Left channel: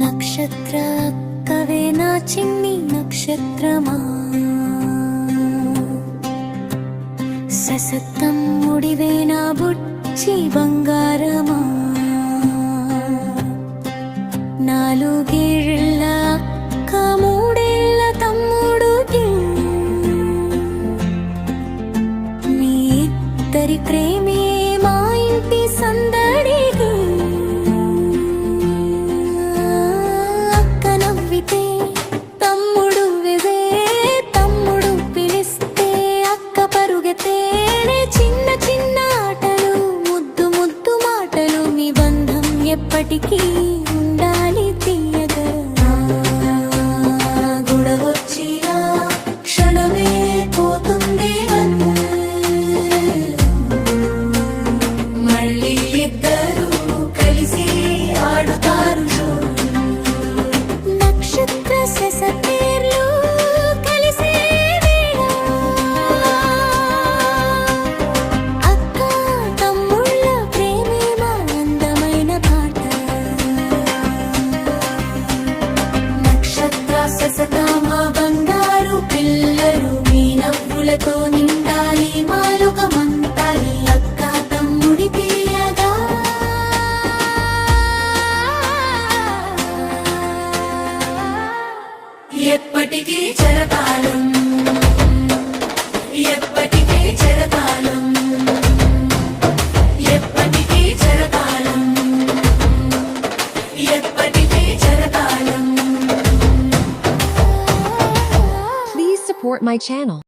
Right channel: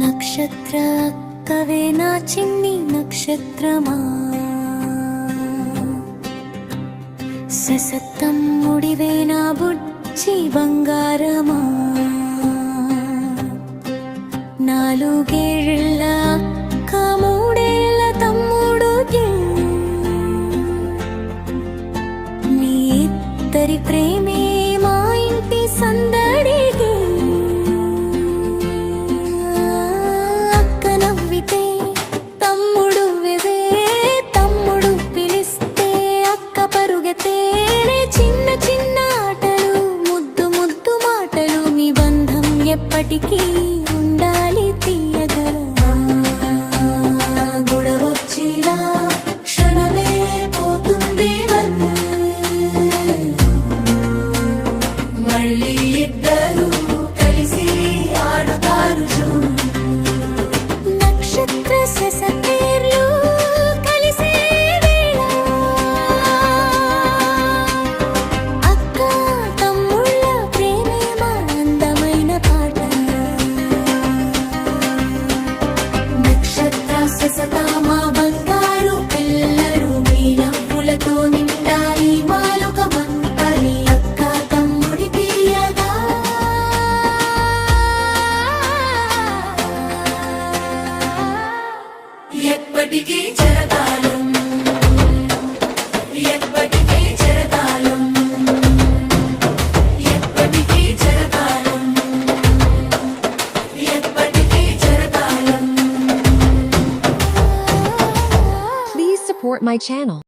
నక్షత్ర అక్కవే నా చిన్ని నక్షత్రమా, ససత్తం ముడివే నా బుచ్చి బంగారమా, నాలుగేళ్ల అక్క మూడేళ్ల తమ్ముడు మీ ఇద్దరి ప్రేమే మా ఇంటి సందడికి. అక్క నవ్వితే తమ్ముడు వెవే, తమ్ముడు పిలిస్తే అక్క పరుగెత్తేనే. చిన్న చిన్న ఆటలు ముద్దు ముద్దు మాటలు, మీ బంధం ఎప్పటికీ ఉండాలి తీయగా. గుడవొచ్చిన క్షణమే పోతుంది మళ్ళీ ఇద్దరు కలిసి ఆడుతారు. నక్షత్ర ససపేర్లు కలిసే వేళ, అక్క తమ్ముళ్ళ ప్రేమే మా అందమైన పాట. నక్షత్ర ససతా మా బంగారు పిల్లలు, మీ నవ్వులతో నిండాలి మాలోకమంతా. నీ అక్క తమ్ముడి తీయగా ఎప్పటికీ చెరతాలు, ఎప్పటికీ చెరతాలు, ఎప్పటికీ చెరతాలు, ఎప్పటికీ చెరతాలు. Please support my channel.